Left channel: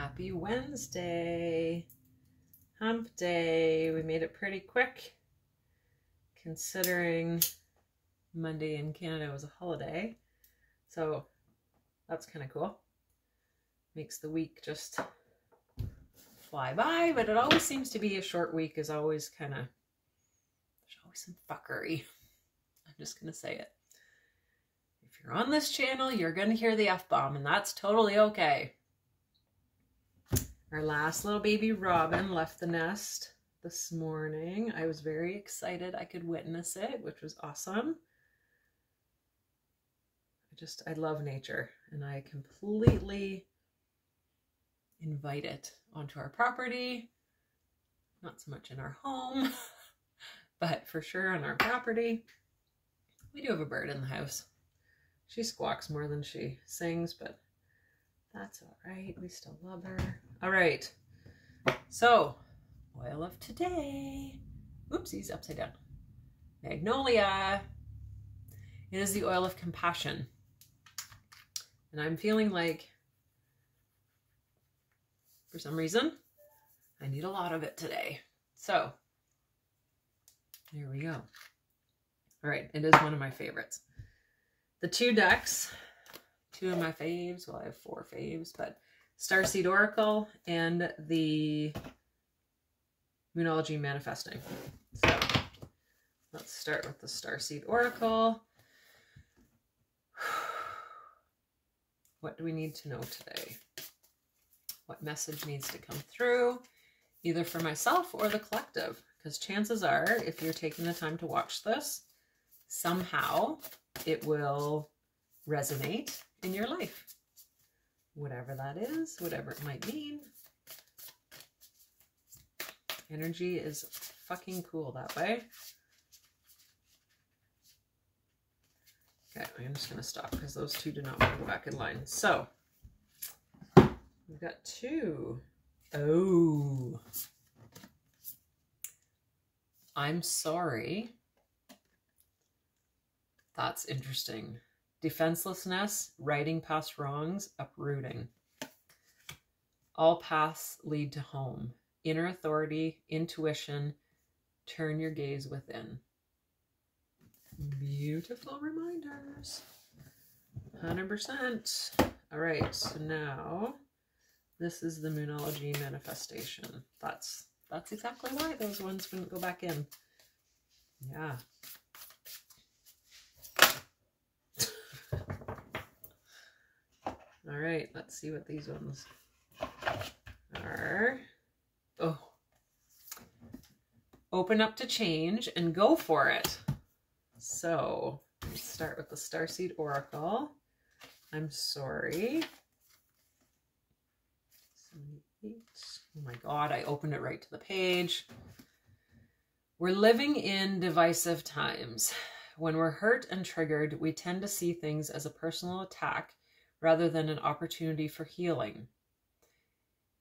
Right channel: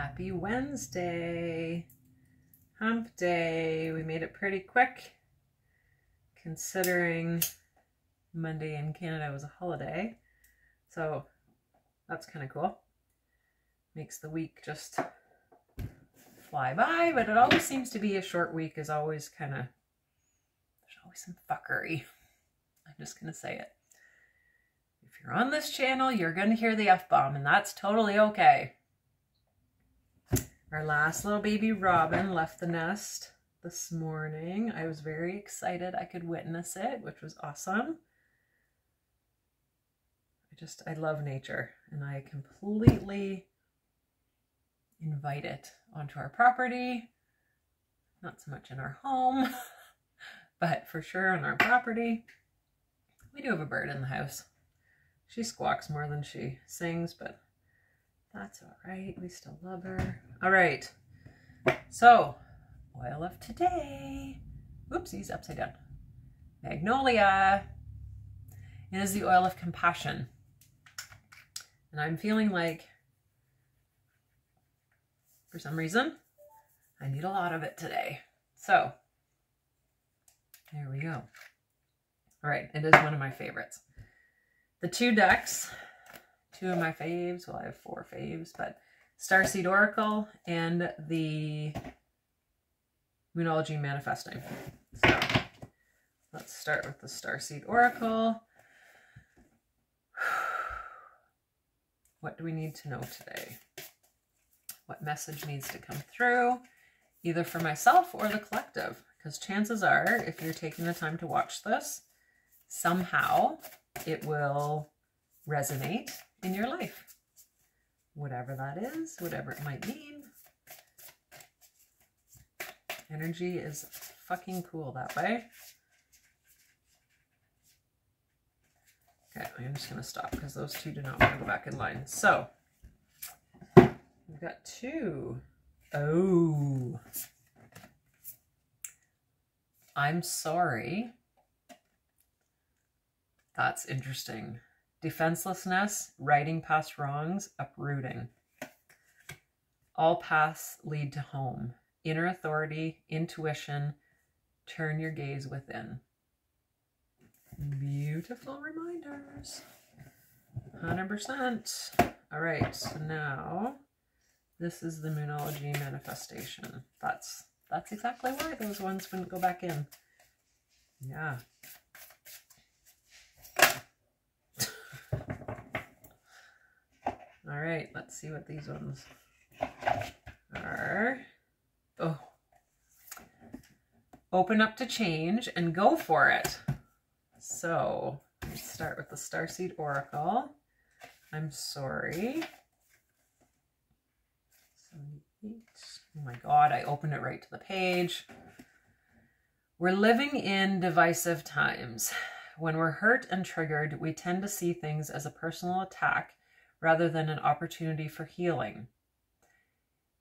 Happy Wednesday. Hump day. We made it pretty quick considering Monday in Canada was a holiday. So that's kind of cool. Makes the week just fly by, but it always seems to be a short week is always kind of, there's always some fuckery. I'm just going to say it. If you're on this channel, you're going to hear the F-bomb, and that's totally okay. Our last little baby Robin left the nest this morning. I was very excited I could witness it, which was awesome. I love nature, and I completely invite it onto our property. Not so much in our home, but for sure on our property. We do have a bird in the house. She squawks more than she sings, but that's all right. We still love her. All right. So, oil of today. Oopsies, upside down. Magnolia. It is the oil of compassion. And I'm feeling like, for some reason, I need a lot of it today. So, there we go. All right, it is one of my favorites. The two decks, two of my faves, well, I have 4 faves, but Starseed Oracle and the Moonology Manifesting. So, let's start with the Starseed Oracle. What do we need to know today? What message needs to come through, either for myself or the collective? Because chances are, if you're taking the time to watch this, somehow it will resonate in your life. Whatever that is, whatever it might mean. Energy is fucking cool that way. Okay, I'm just going to stop because those two do not want to go back in line. So, we've got 2. Oh. I'm sorry. That's interesting. Defenselessness, righting past wrongs, uprooting. All paths lead to home. Inner authority, intuition, turn your gaze within. Beautiful reminders. 100%. All right, so now this is the Moonology Manifestation. That's exactly why those ones wouldn't go back in. Yeah. All right, let's see what these ones are. Oh. Open up to change and go for it. So, let's start with the Starseed Oracle. I'm sorry. 78. Oh my God, I opened it right to the page. We're living in divisive times. When we're hurt and triggered, we tend to see things as a personal attack rather than an opportunity for healing.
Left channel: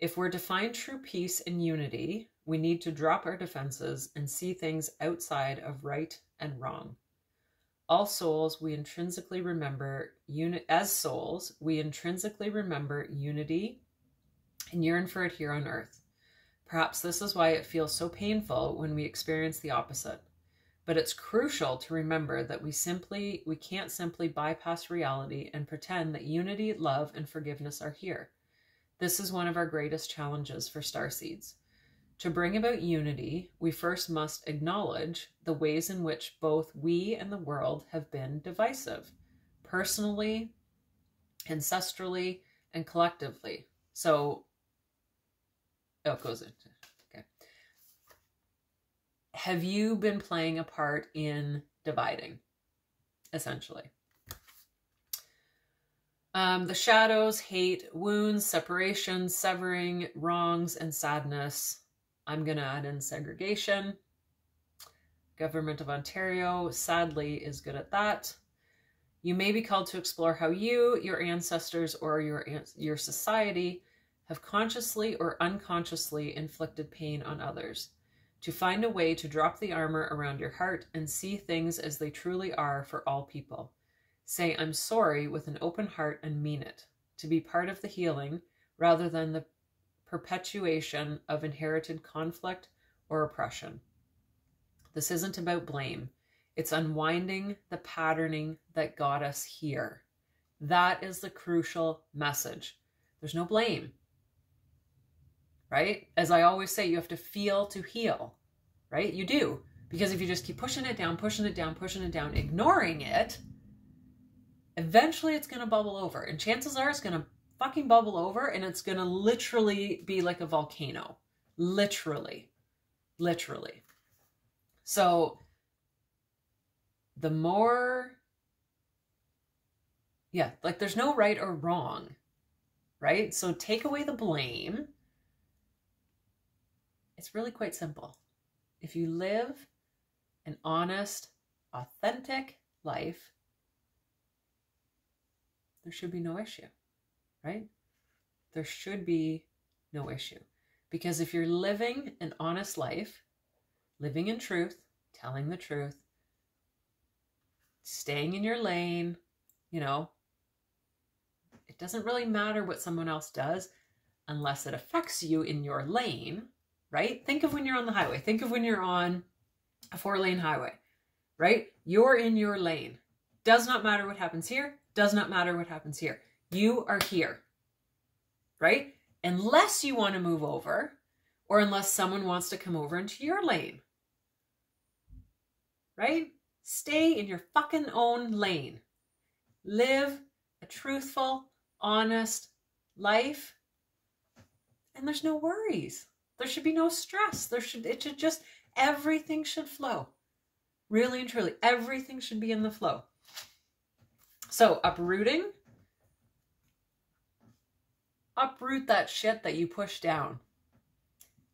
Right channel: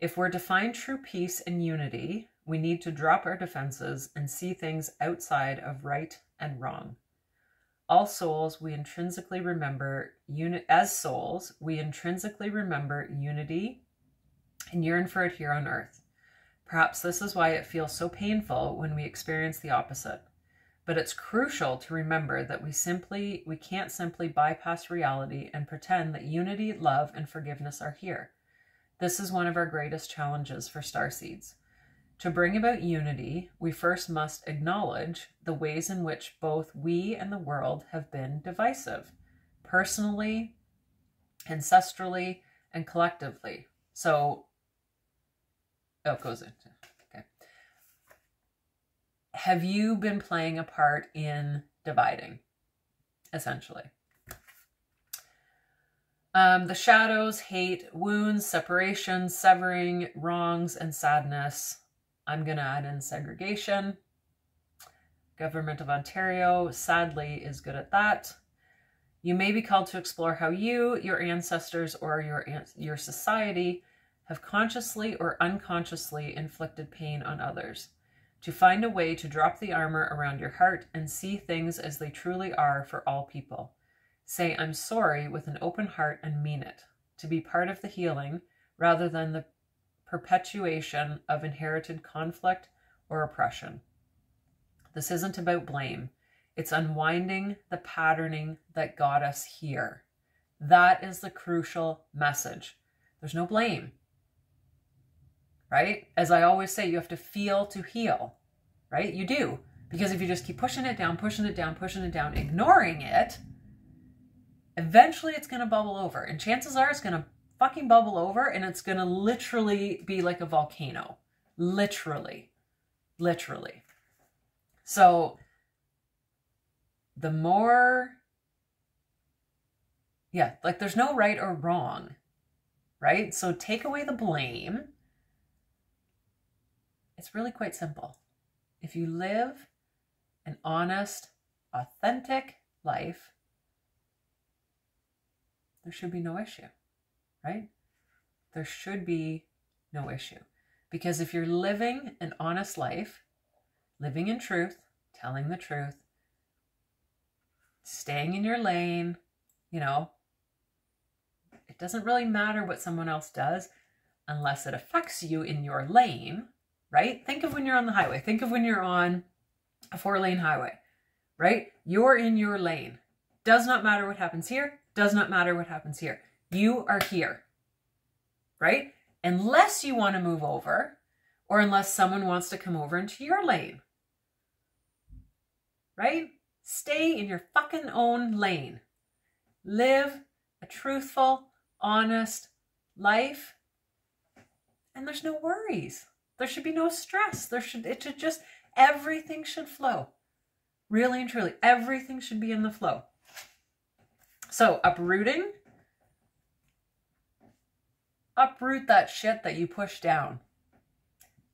If we're to find true peace and unity, we need to drop our defenses and see things outside of right and wrong. All souls, we intrinsically remember, as souls, we intrinsically remember unity and yearn for it here on earth. Perhaps this is why it feels so painful when we experience the opposite. But it's crucial to remember that we can't simply bypass reality and pretend that unity, love, and forgiveness are here. This is one of our greatest challenges for starseeds. To bring about unity, we first must acknowledge the ways in which both we and the world have been divisive, personally, ancestrally, and collectively. So, oh, it goes into, okay. Have you been playing a part in dividing, essentially? The shadows, hate, wounds, separation, severing, wrongs, and sadness. I'm going to add in segregation. Government of Ontario, sadly, is good at that. You may be called to explore how you, your ancestors, or your society have consciously or unconsciously inflicted pain on others. To find a way to drop the armor around your heart and see things as they truly are for all people. Say, I'm sorry with an open heart and mean it. To be part of the healing rather than the perpetuation of inherited conflict or oppression. This isn't about blame. It's unwinding the patterning that got us here. That is the crucial message. There's no blame, right? As I always say, you have to feel to heal, right? You do. Because if you just keep pushing it down, pushing it down, pushing it down, ignoring it, eventually it's going to bubble over. And chances are it's going to fucking bubble over, and it's going to literally be like a volcano. Literally. Literally. So the more, yeah, like there's no right or wrong, right? So take away the blame. It's really quite simple. If you live an honest, authentic life, there should be no issue, right? There should be no issue. Because if you're living an honest life, living in truth, telling the truth, staying in your lane, you know, it doesn't really matter what someone else does unless it affects you in your lane, right? Think of when you're on the highway. Think of when you're on a 4-lane highway, right? You're in your lane. Does not matter what happens here. Does not matter what happens here. You are here, right? Unless you want to move over, or unless someone wants to come over into your lane, right? Stay in your fucking own lane. Live a truthful, honest life, and there's no worries. There should be no stress. Everything should flow. Really and truly, everything should be in the flow. So uprooting, uproot that shit that you push down.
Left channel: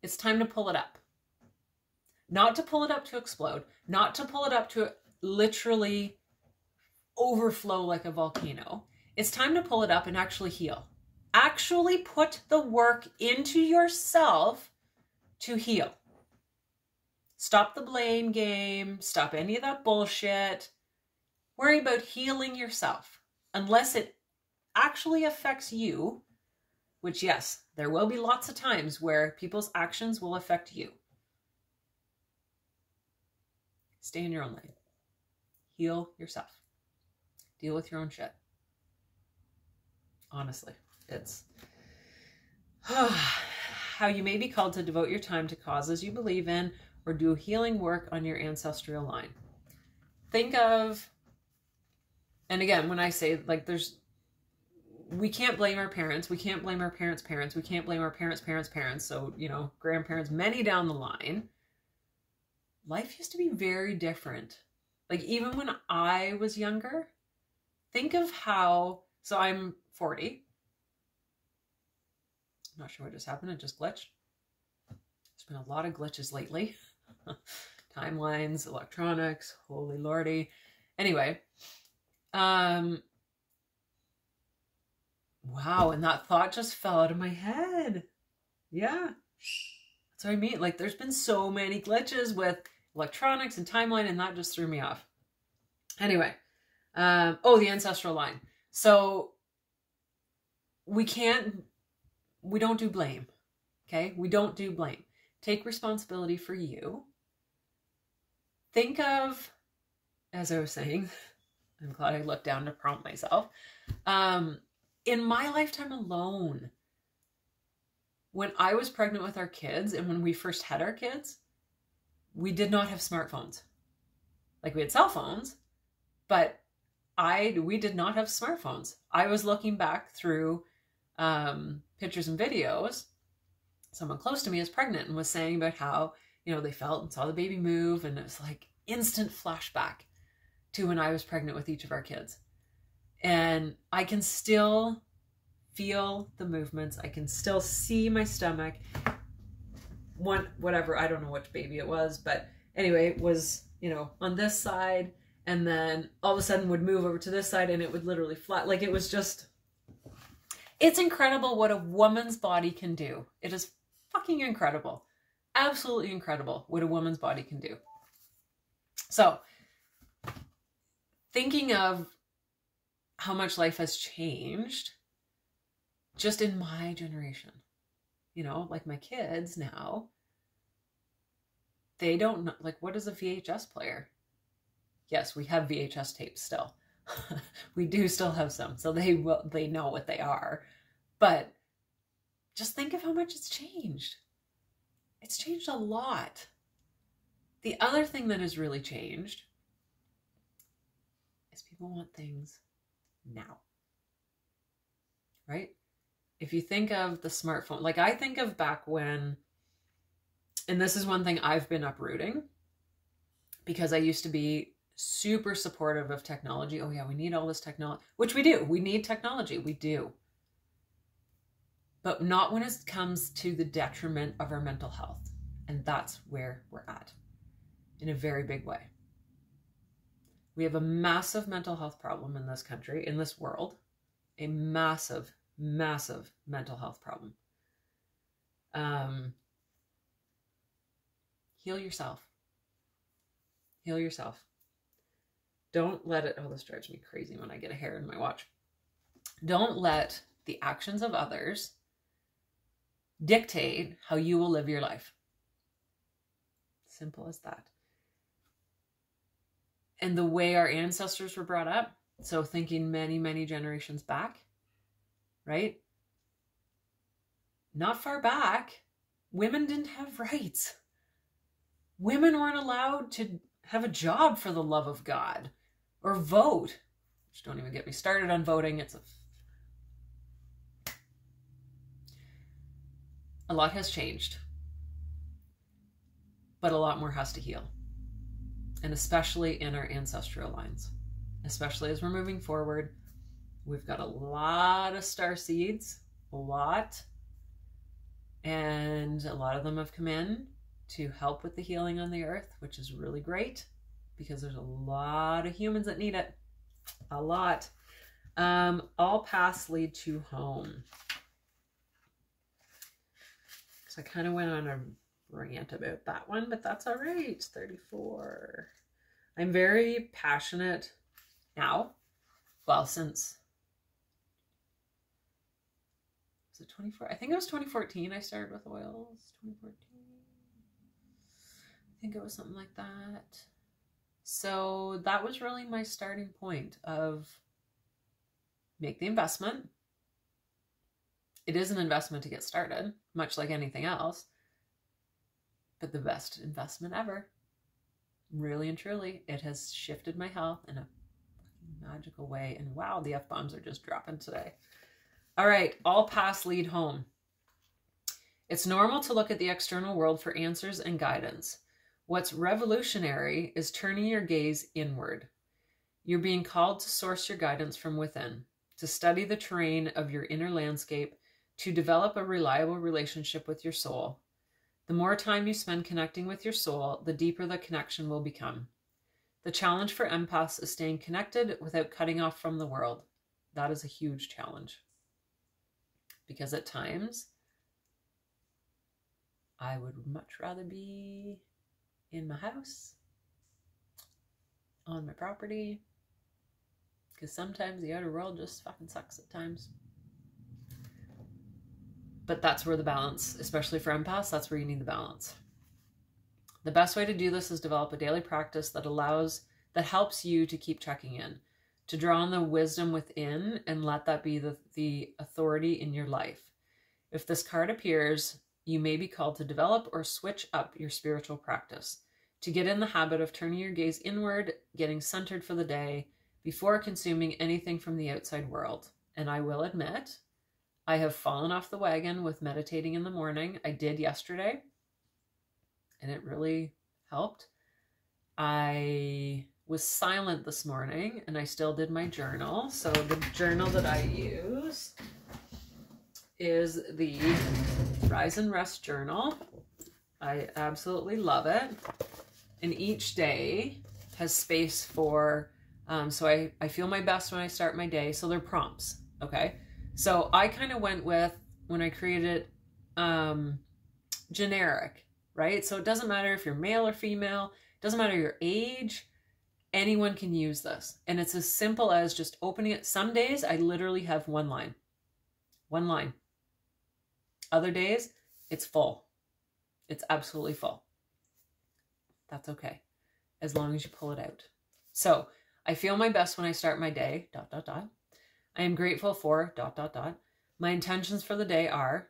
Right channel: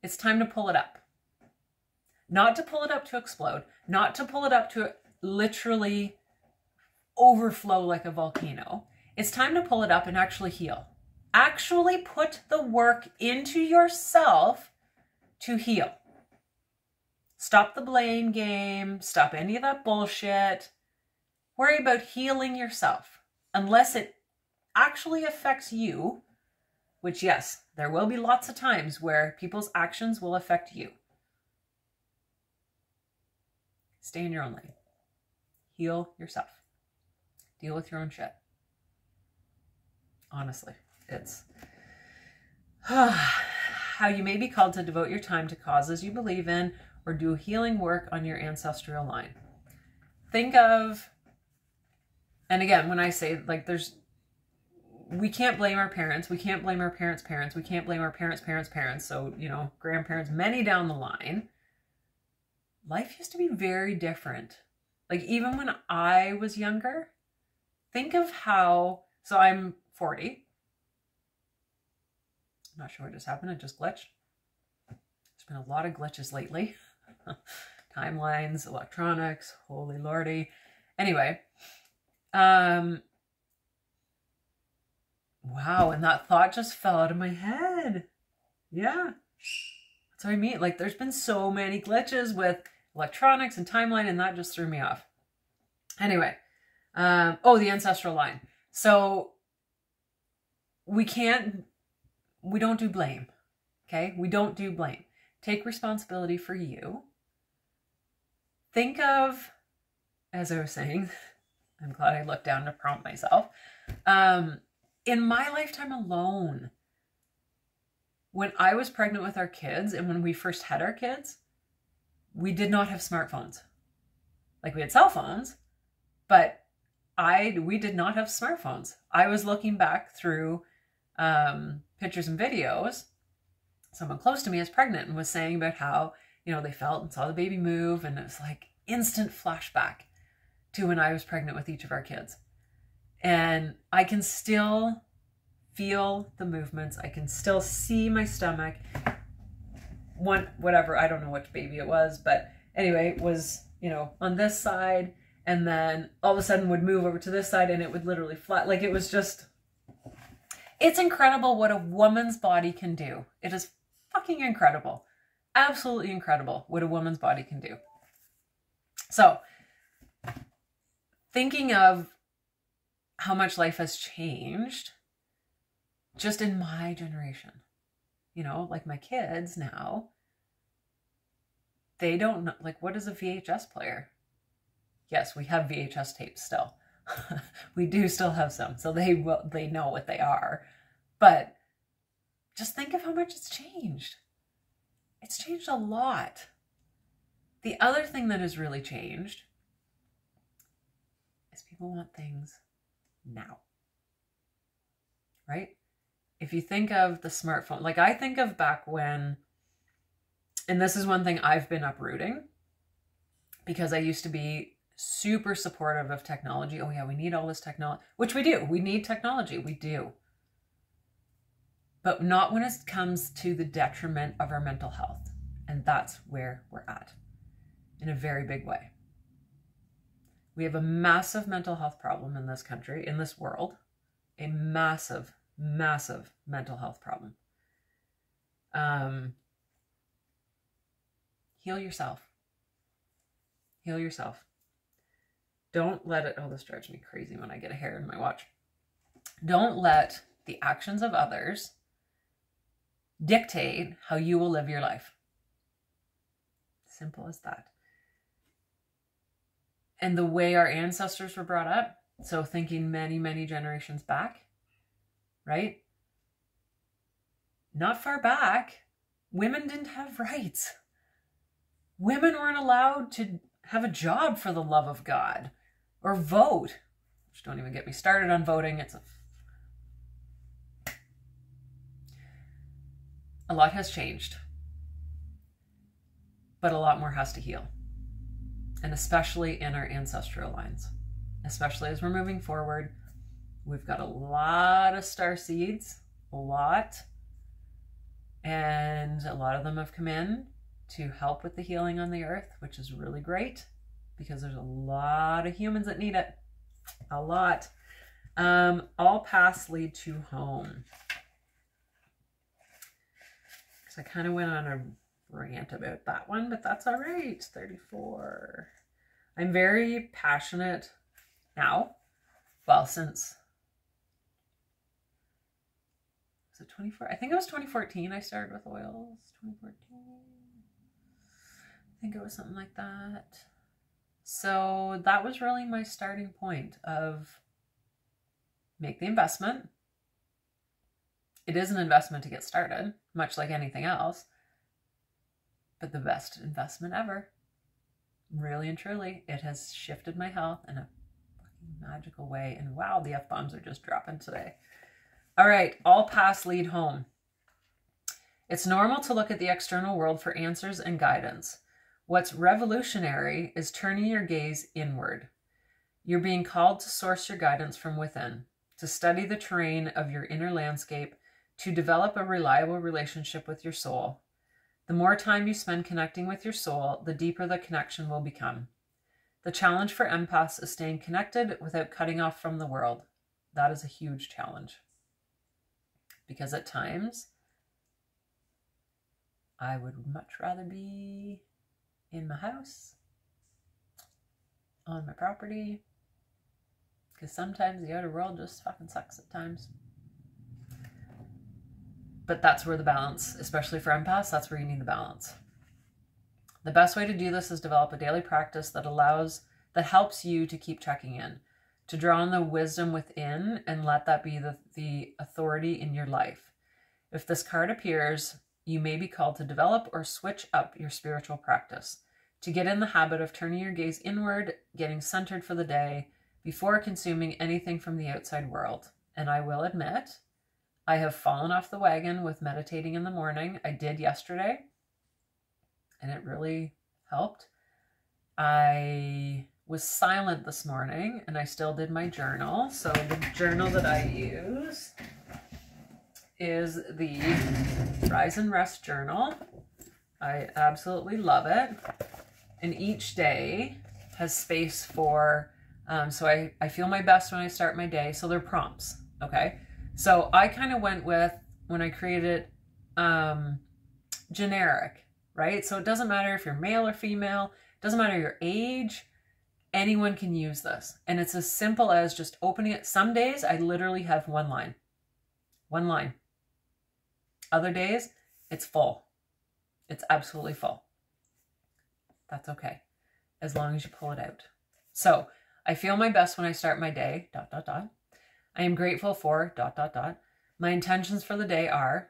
It's time to pull it up. Not to pull it up to explode, not to pull it up to literally overflow like a volcano. It's time to pull it up and actually heal. Actually put the work into yourself to heal. Stop the blame game. Stop any of that bullshit. Worry about healing yourself. Unless it actually affects you, which yes, there will be lots of times where people's actions will affect you. Stay in your own lane. Heal yourself. Deal with your own shit. Honestly, it's how you may be called to devote your time to causes you believe in or do healing work on your ancestral line. Think of, and again, when I say like we can't blame our parents. We can't blame our parents' parents. We can't blame our parents' parents' parents. So, you know, grandparents, many down the line. Life used to be very different. Like even when I was younger, think of how, so I'm 40. I'm not sure what just happened. It just glitched. There's been a lot of glitches lately. Timelines, electronics, holy lordy. Anyway, wow, and that thought just fell out of my head. Yeah, that's what I mean. Like there's been so many glitches with electronics and timeline, and that just threw me off. Anyway, oh, the ancestral line. So we don't do blame, okay? We don't do blame. Take responsibility for you. Think of, as I was saying, I'm glad I looked down to prompt myself. In my lifetime alone, when I was pregnant with our kids and when we first had our kids, we did not have smartphones. Like we had cell phones, but we did not have smartphones. I was looking back through pictures and videos. Someone close to me is pregnant and was saying about how, you know, they felt and saw the baby move, and it was like instant flashback to when I was pregnant with each of our kids. And I can still feel the movements. I can still see my stomach. Whatever, I don't know which baby it was, but anyway, it was, you know, on this side, and then all of a sudden would move over to this side and it would literally flat. Like it was just, it's incredible what a woman's body can do. It is fucking incredible. Absolutely incredible what a woman's body can do. So, thinking of how much life has changed just in my generation, you know, like my kids now, they don't know, like, what is a VHS player? Yes, we have VHS tapes still. We do still have some, so they know what they are. But just think of how much it's changed. It's changed a lot. The other thing that has really changed is people want things now, right? If you think of the smartphone, like I think of back when, and this is one thing I've been uprooting, because I used to be super supportive of technology. Oh yeah, we need all this technology, which we do. We need technology, we do. But not when it comes to the detriment of our mental health. And that's where we're at in a very big way. We have a massive mental health problem in this country, in this world, a massive, massive mental health problem. Heal yourself. Heal yourself. Don't let it, oh, this drives me crazy when I get a hair in my watch. Don't let the actions of others dictate how you will live your life. Simple as that. And the way our ancestors were brought up, so thinking many, many generations back, right? Not far back, women didn't have rights. Women weren't allowed to have a job, for the love of God, or vote. Which, don't even get me started on voting. A lot has changed, but a lot more has to heal. And especially in our ancestral lines, especially as we're moving forward, we've got a lot of star seeds, a lot, and a lot of them have come in to help with the healing on the earth, which is really great because there's a lot of humans that need it, a lot. All paths lead to home. So I kind of went on a rant about that one, but that's all right. 34. I'm very passionate now. Well, since, was it 24? I think it was 2014 I started with oils. 2014. I think it was something like that. So that was really my starting point of make the investment. It is an investment to get started, much like anything else. But the best investment ever. Really and truly, it has shifted my health in a fucking magical way. And wow, the F-bombs are just dropping today. All right, all paths lead home. It's normal to look at the external world for answers and guidance. What's revolutionary is turning your gaze inward. You're being called to source your guidance from within, to study the terrain of your inner landscape, to develop a reliable relationship with your soul. The more time you spend connecting with your soul, the deeper the connection will become. The challenge for empaths is staying connected without cutting off from the world. That is a huge challenge. Because at times, I would much rather be in my house, on my property, because sometimes the outer world just fucking sucks at times. But that's where the balance, especially for empaths, that's where you need the balance. The best way to do this is develop a daily practice that helps you to keep checking in, to draw on the wisdom within and let that be the authority in your life. If this card appears, you may be called to develop or switch up your spiritual practice, to get in the habit of turning your gaze inward, getting centered for the day, before consuming anything from the outside world. And I will admit, I have fallen off the wagon with meditating in the morning. I did yesterday, and it really helped. I was silent this morning, and I still did my journal. So the journal that I use is the Rise and Rest journal. I absolutely love it. And each day has space for, so I feel my best when I start my day. So they're prompts, okay? So I kind of went with, when I created generic, right? So it doesn't matter if you're male or female, it doesn't matter your age, anyone can use this. And it's as simple as just opening it. Some days I literally have one line. Other days It's full. It's absolutely full. That's okay, as long as you pull it out. So I feel my best when I start my day, ... I am grateful for ... My intentions for the day are ...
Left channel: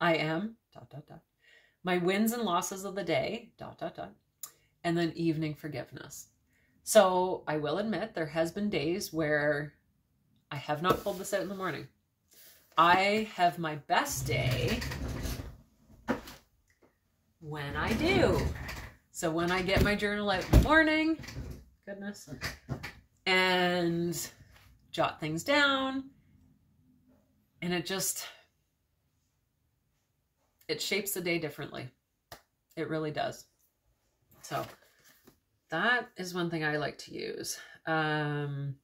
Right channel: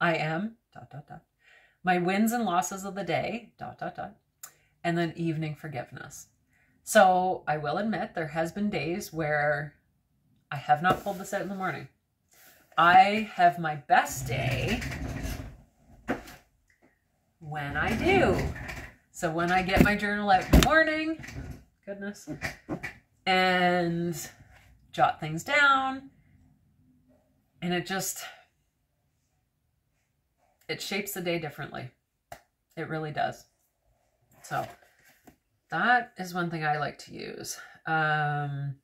I am ... My wins and losses of the day ... And then evening forgiveness. So I will admit there has been days where I have not pulled this out in the morning. I have my best day when I do. So when I get my journal out in the morning, goodness, and jot things down, and it shapes the day differently. It really does. So that is one thing I like to use. To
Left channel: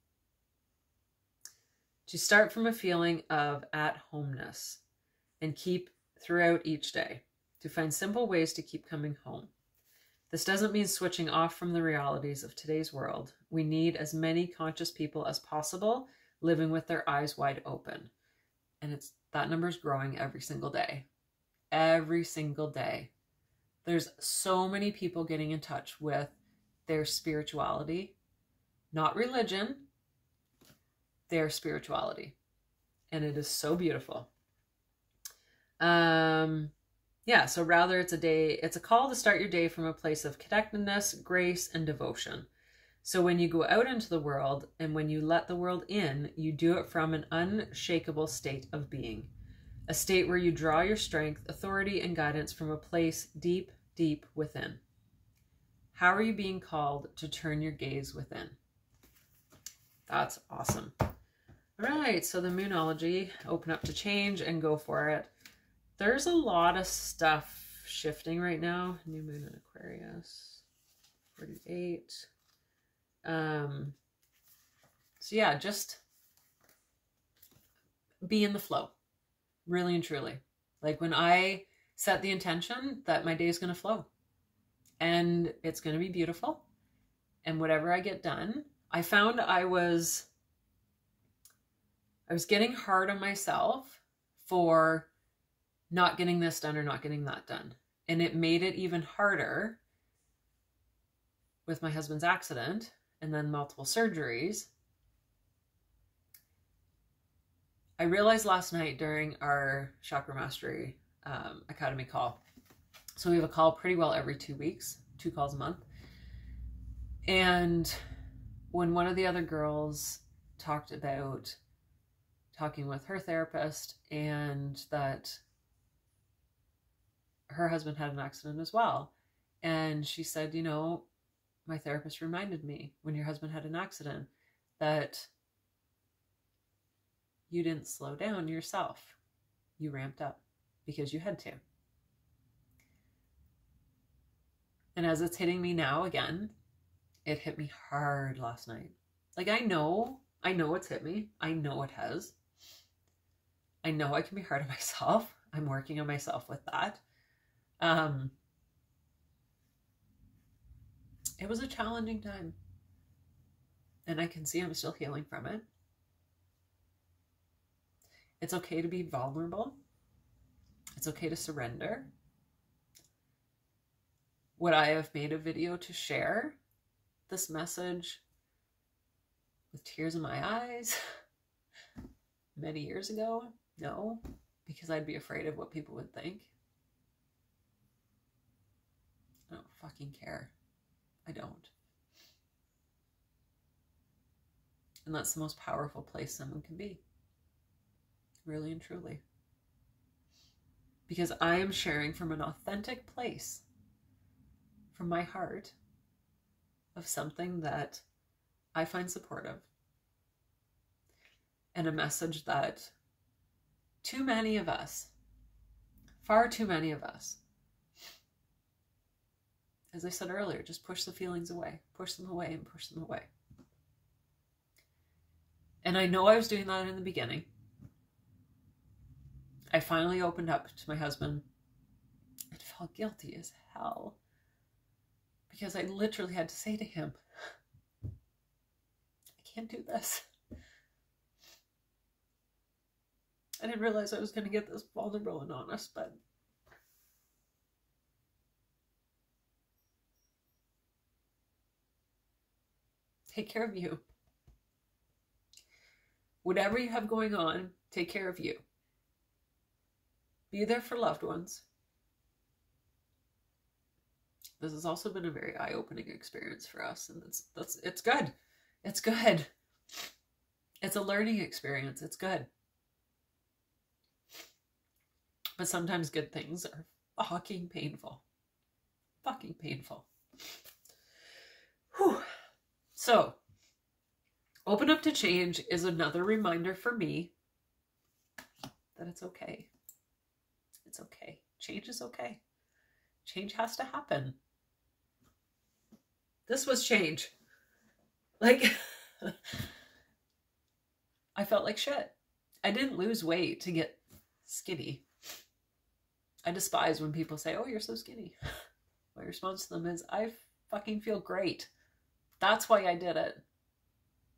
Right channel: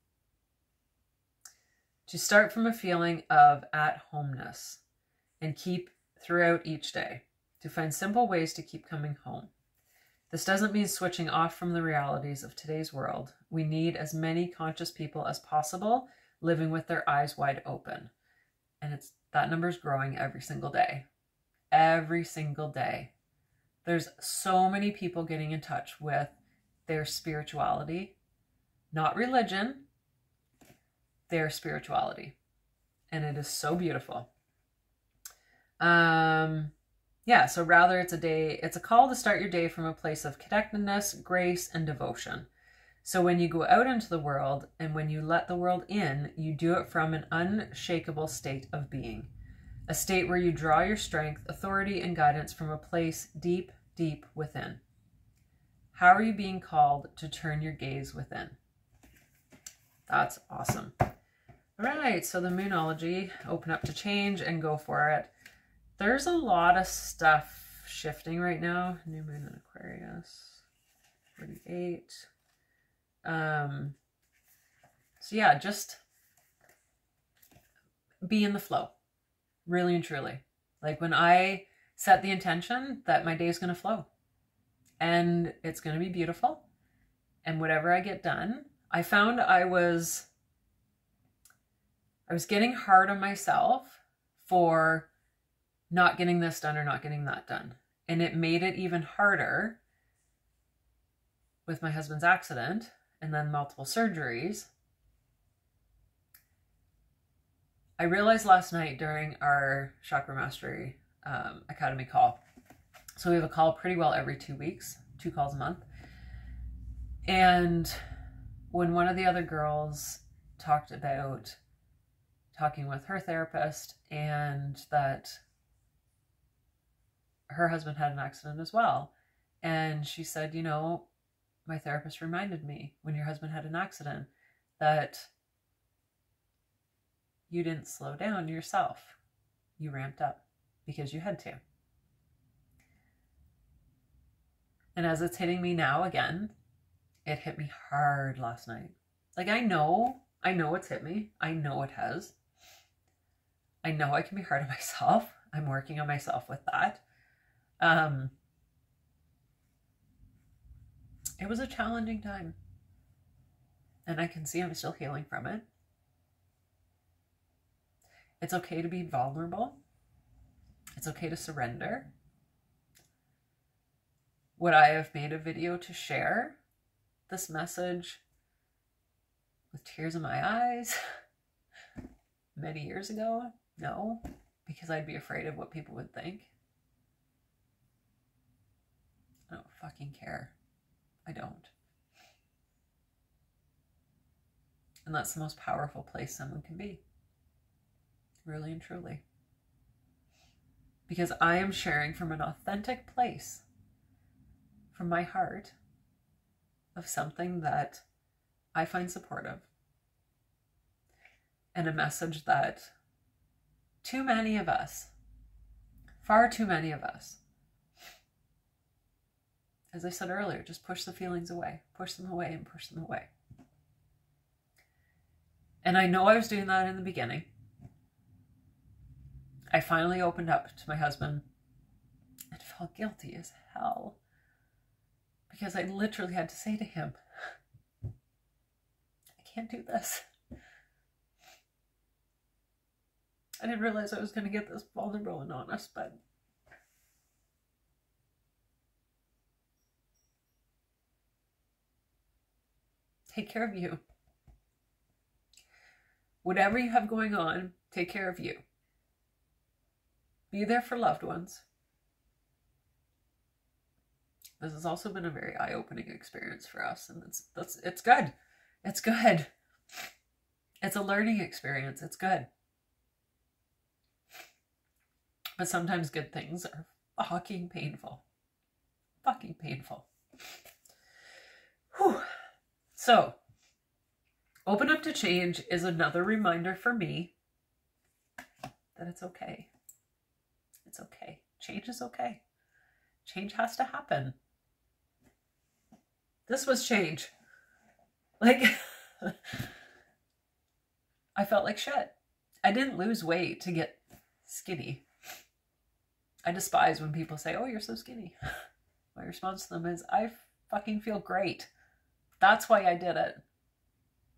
start from a feeling of at-homeness and keep throughout each day. To find simple ways to keep coming home. This doesn't mean switching off from the realities of today's world. We need as many conscious people as possible living with their eyes wide open. And that number's growing every single day. Every single day. There's so many people getting in touch with their spirituality, not religion, their spirituality. And it is so beautiful. Yeah, so rather it's a call to start your day from a place of connectedness, grace, and devotion. So when you go out into the world and when you let the world in, you do it from an unshakable state of being. A state where you draw your strength, authority, and guidance from a place deep, deep within. How are you being called to turn your gaze within? That's awesome. All right, so the Moonology, open up to change and go for it. There's a lot of stuff shifting right now. New moon in Aquarius, 48. So yeah, just be in the flow, really and truly. Like when I set the intention that my day is going to flow and it's going to be beautiful, and whatever I get done, I found I was getting hard on myself for not getting this done or not getting that done. And it made it even harder with my husband's accident and then multiple surgeries. I realized last night during our Chakra Mastery Academy call. So we have a call pretty well every 2 weeks, 2 calls a month. And when one of the other girls talked about talking with her therapist and that her husband had an accident as well. And she said, you know, my therapist reminded me when your husband had an accident that you didn't slow down yourself. You ramped up because you had to. And as it's hitting me now again, it hit me hard last night. Like I know it's hit me. I know it has. I know I can be hard on myself. I'm working on myself with that. It was a challenging time. And I can see I'm still healing from it. It's okay to be vulnerable. It's okay to surrender. Would I have made a video to share this message with tears in my eyes many years ago? No, because I'd be afraid of what people would think. I don't fucking care. I don't. And that's the most powerful place someone can be. Really and truly. Because I am sharing from an authentic place, from my heart, of something that I find supportive. And a message that too many of us, far too many of us, as I said earlier, just push the feelings away, push them away and push them away. And I know I was doing that in the beginning. I finally opened up to my husband and felt guilty as hell because I literally had to say to him, I can't do this. I didn't realize I was going to get this vulnerable and honest, but take care of you. Whatever you have going on, take care of you. Be there for loved ones. This has also been a very eye-opening experience for us, and it's good. It's good. It's a learning experience. It's good. But sometimes good things are fucking painful. Fucking painful. Whew. So, open up to change is another reminder for me that it's okay. It's okay. Change is okay. Change has to happen. This was change. Like, I felt like shit. I didn't lose weight to get skinny. I despise when people say, oh, you're so skinny. My response to them is, I fucking feel great. That's why I did it.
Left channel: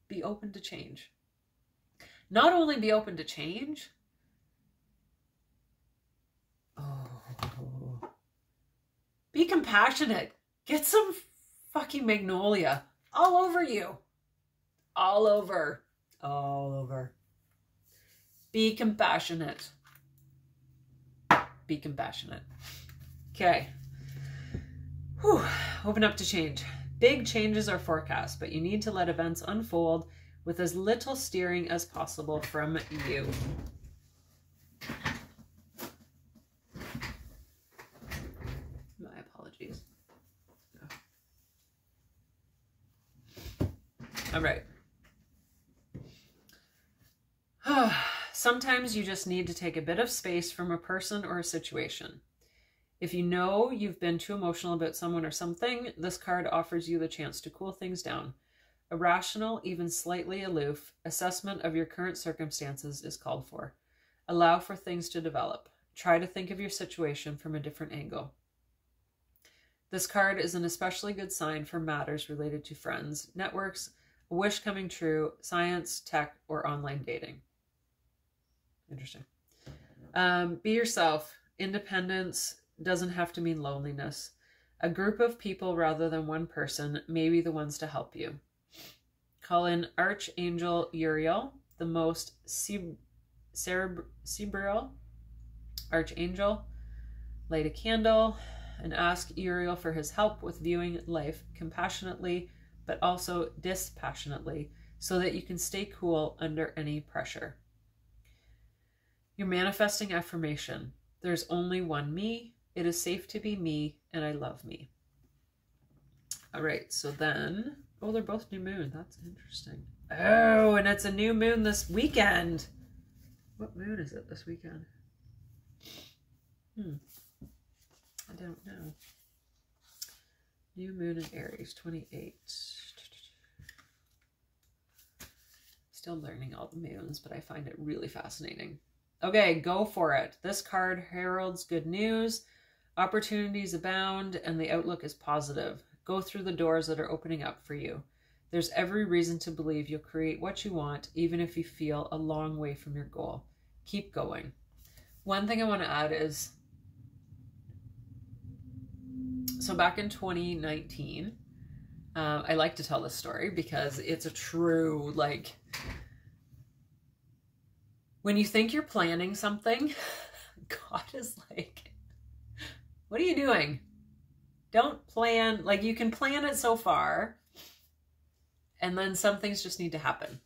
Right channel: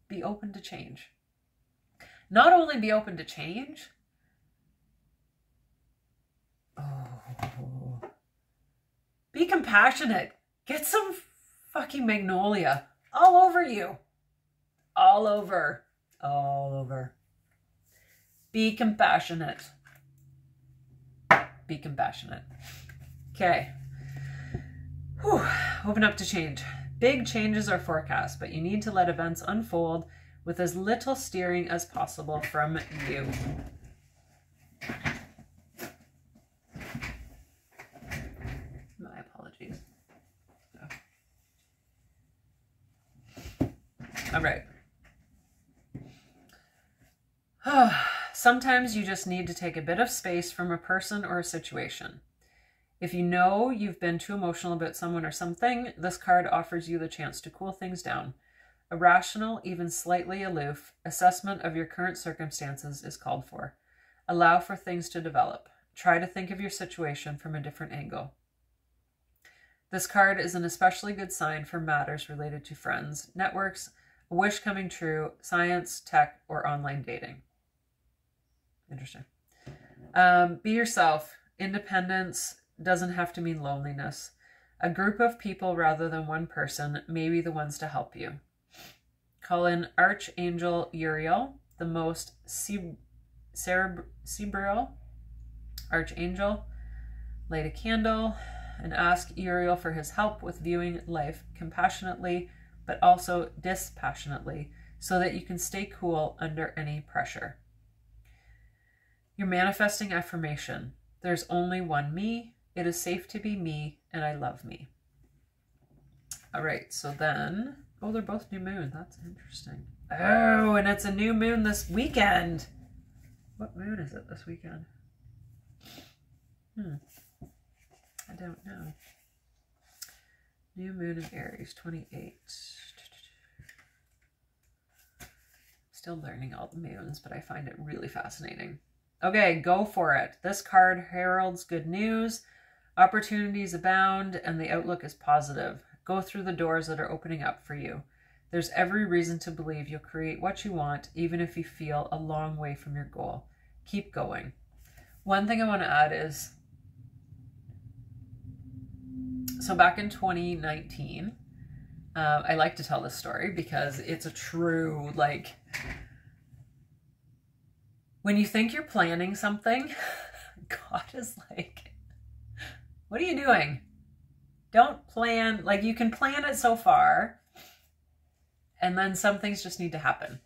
Be open to change. Not only be open to change, be compassionate. Get some fucking magnolia all over you. All over. All over. Be compassionate. Be compassionate. Okay. Whew. Open up to change. Big changes are forecast, but you need to let events unfold with as little steering as possible from you. My apologies. All right. Sometimes you just need to take a bit of space from a person or a situation. If you know you've been too emotional about someone or something, this card offers you the chance to cool things down. A rational, even slightly aloof, assessment of your current circumstances is called for. Allow for things to develop. Try to think of your situation from a different angle. This card is an especially good sign for matters related to friends, networks, a wish coming true, science, tech, or online dating. Interesting. Be yourself. Independence doesn't have to mean loneliness. A group of people rather than one person may be the ones to help you. Call in Archangel Uriel, the most cerebral archangel. Light a candle and ask Uriel for his help with viewing life compassionately, but also dispassionately, so that you can stay cool under any pressure. You're manifesting affirmation. There's only one me. It is safe to be me, and I love me. All right, so then, oh, they're both new moon. That's interesting. Oh, and it's a new moon this weekend. What moon is it this weekend? I don't know. New moon in Aries, 28. Still learning all the moons, but I find it really fascinating. Okay, go for it. This card heralds good news. Opportunities abound, and the outlook is positive. Go through the doors that are opening up for you. There's every reason to believe you'll create what you want, even if you feel a long way from your goal. Keep going. One thing I want to add is, so back in 2019, I like to tell this story because it's a true, like, when you think you're planning something, God is like, what are you doing? Don't plan, like, you can plan it so far, and then some things just need to happen.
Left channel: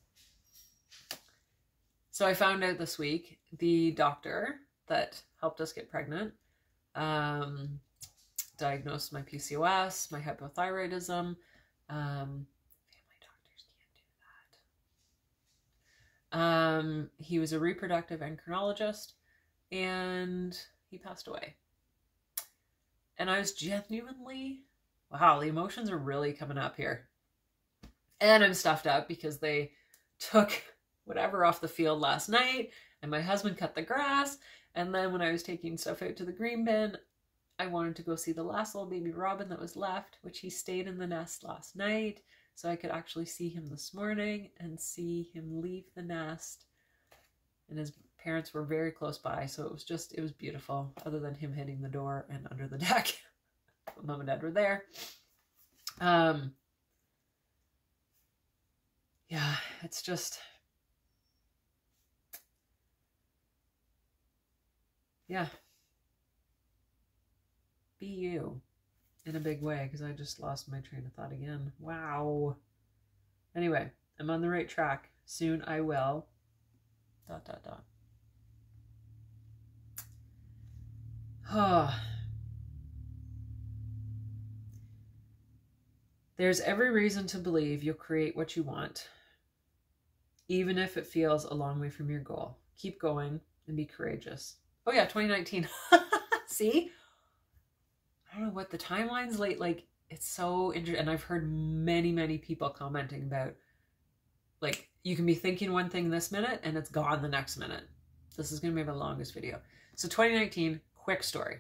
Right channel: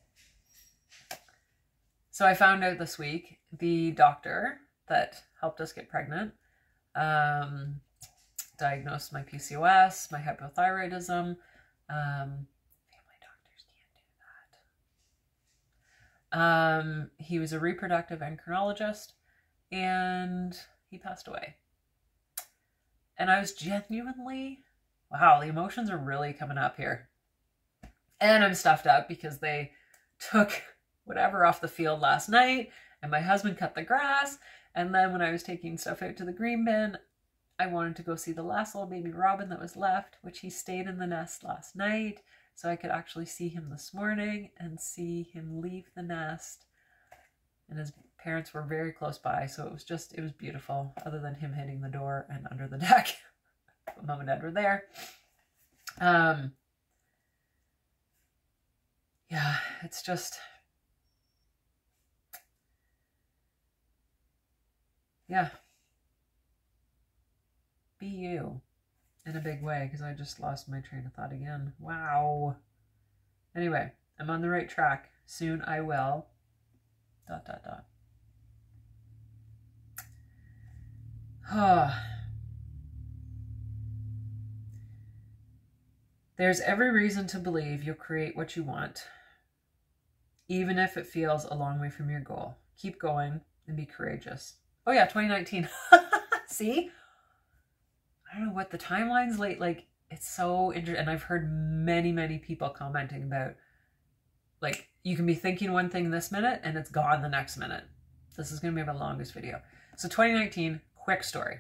So I found out this week, the doctor that helped us get pregnant diagnosed my PCOS, my hypothyroidism. Family doctors can't do that. He was a reproductive endocrinologist, and he passed away. And I was genuinely, wow, the emotions are really coming up here. And I'm stuffed up because they took whatever off the field last night, and my husband cut the grass. And then when I was taking stuff out to the green bin, I wanted to go see the last little baby robin that was left, which he stayed in the nest last night. So I could actually see him this morning and see him leave the nest and his parents were very close by, so it was beautiful, other than him hitting the door and under the deck. Mom and Dad were there. Yeah, it's just, yeah. Be you in a big way, because I just lost my train of thought again. Wow. Anyway, I'm on the right track. Soon I will. ... There's every reason to believe you'll create what you want, even if it feels a long way from your goal. Keep going and be courageous. Oh yeah, 2019. See? I don't know what the timeline's late. Like, it's so interesting. And I've heard many, many people commenting about, like, you can be thinking one thing this minute and it's gone the next minute. This is going to be my longest video. So 2019, quick story.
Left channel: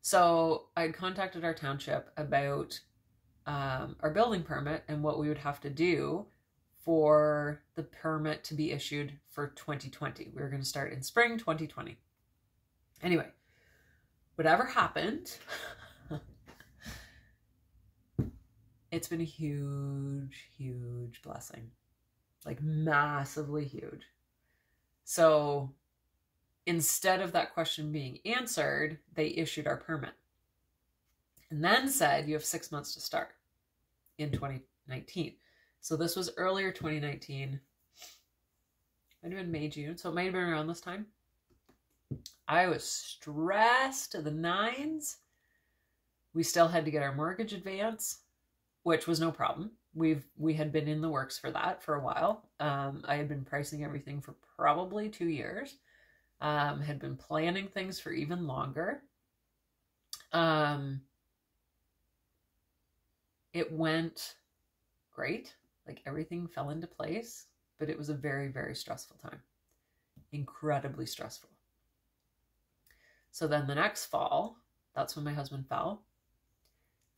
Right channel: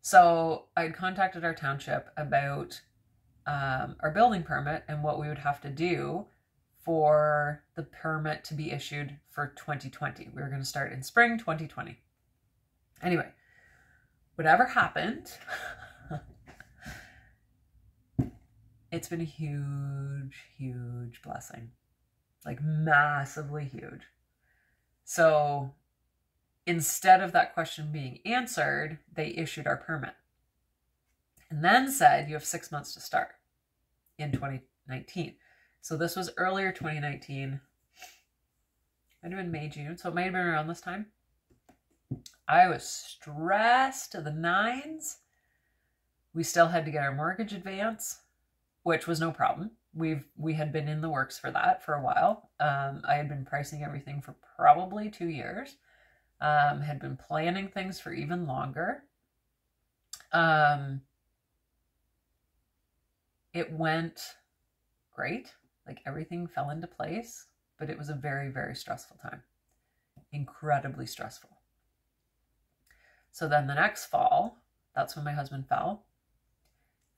So I'd contacted our township about our building permit and what we would have to do for the permit to be issued for 2020. We were going to start in spring 2020. Anyway, whatever happened, it's been a huge, huge blessing. Like, massively huge. So instead of that question being answered, they issued our permit and then said, you have 6 months to start in 2019. So this was earlier 2019. Might have been May, June. So it might have been around this time. I was stressed to the nines. We still had to get our mortgage advance, which was no problem. We had been in the works for that for a while. I had been pricing everything for probably 2 years. Had been planning things for even longer. It went great. Like, everything fell into place, but it was a very, very stressful time. Incredibly stressful. So then the next fall, that's when my husband fell.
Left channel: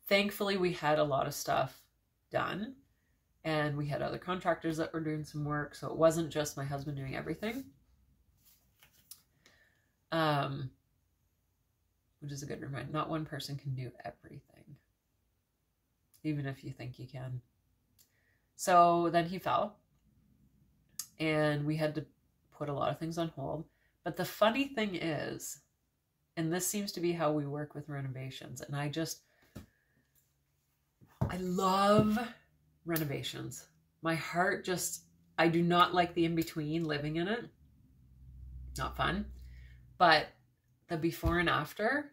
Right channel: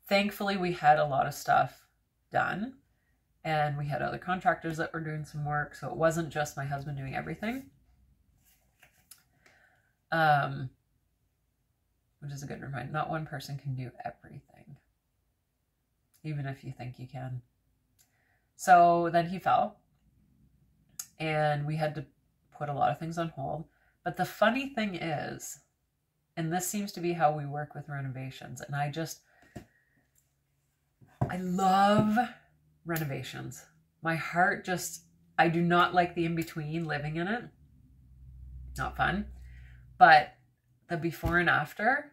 Thankfully, we had a lot of stuff done, and we had other contractors that were doing some work. So it wasn't just my husband doing everything. Which is a good reminder. Not one person can do everything, even if you think you can. So then he fell, and we had to put a lot of things on hold. But the funny thing is, and this seems to be how we work with renovations, and I love renovations. My heart just, I do not like the in-between, living in it. Not fun. But the before and after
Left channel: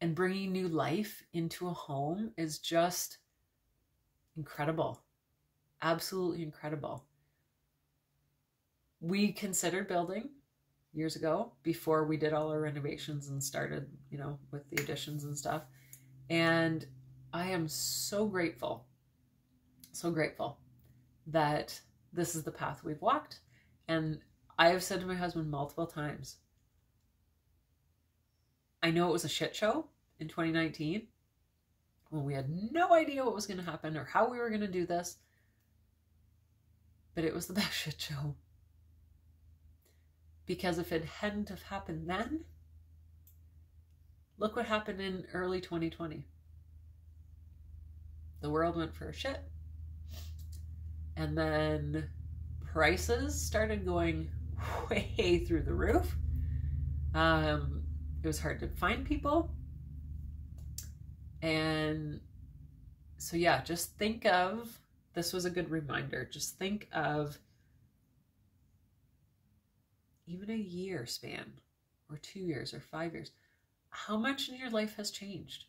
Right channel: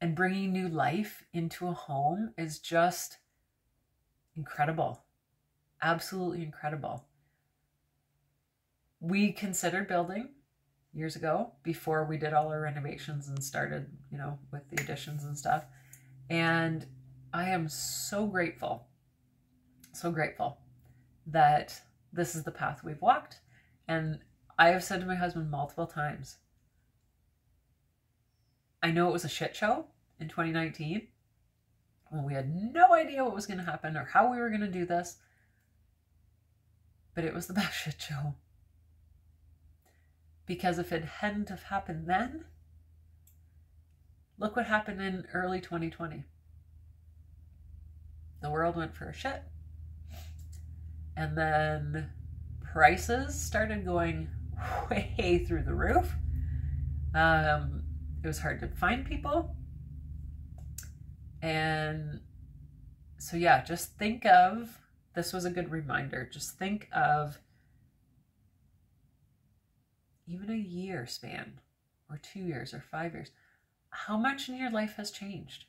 and bringing new life into a home is just incredible. Absolutely incredible. We considered building years ago, before we did all our renovations and started, you know, with the additions and stuff. And I am so grateful that this is the path we've walked. And I have said to my husband multiple times, I know it was a shit show in 2019 when we had no idea what was going to happen or how we were going to do this, but it was the best shit show. Because if it hadn't have happened then, look what happened in early 2020. The world went for a shit. And then prices started going way through the roof. It was hard to find people. And so yeah, just think of, this was a good reminder, just think of even a year span, or 2 years, or 5 years. How much in your life has changed?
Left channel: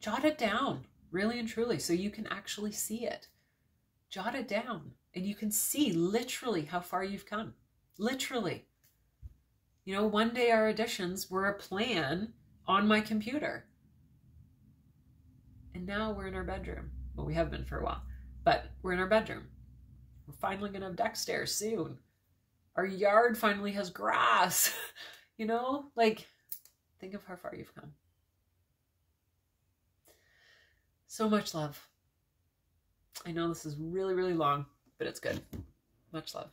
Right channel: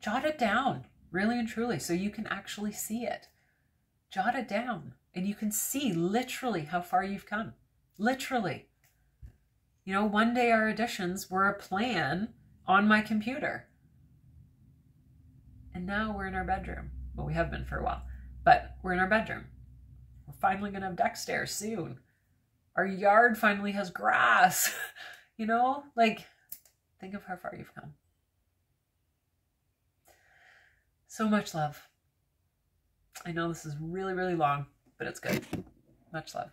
Jot it down, really and truly, so you can actually see it. Jot it down, and you can see literally how far you've come. Literally. You know, one day our additions were a plan on my computer. And now we're in our bedroom. Well, we have been for a while, but we're in our bedroom. We're finally going to have deck stairs soon. Our yard finally has grass. You know, like, think of how far you've come. So much love. I know this is really, really long, but it's good. Much love.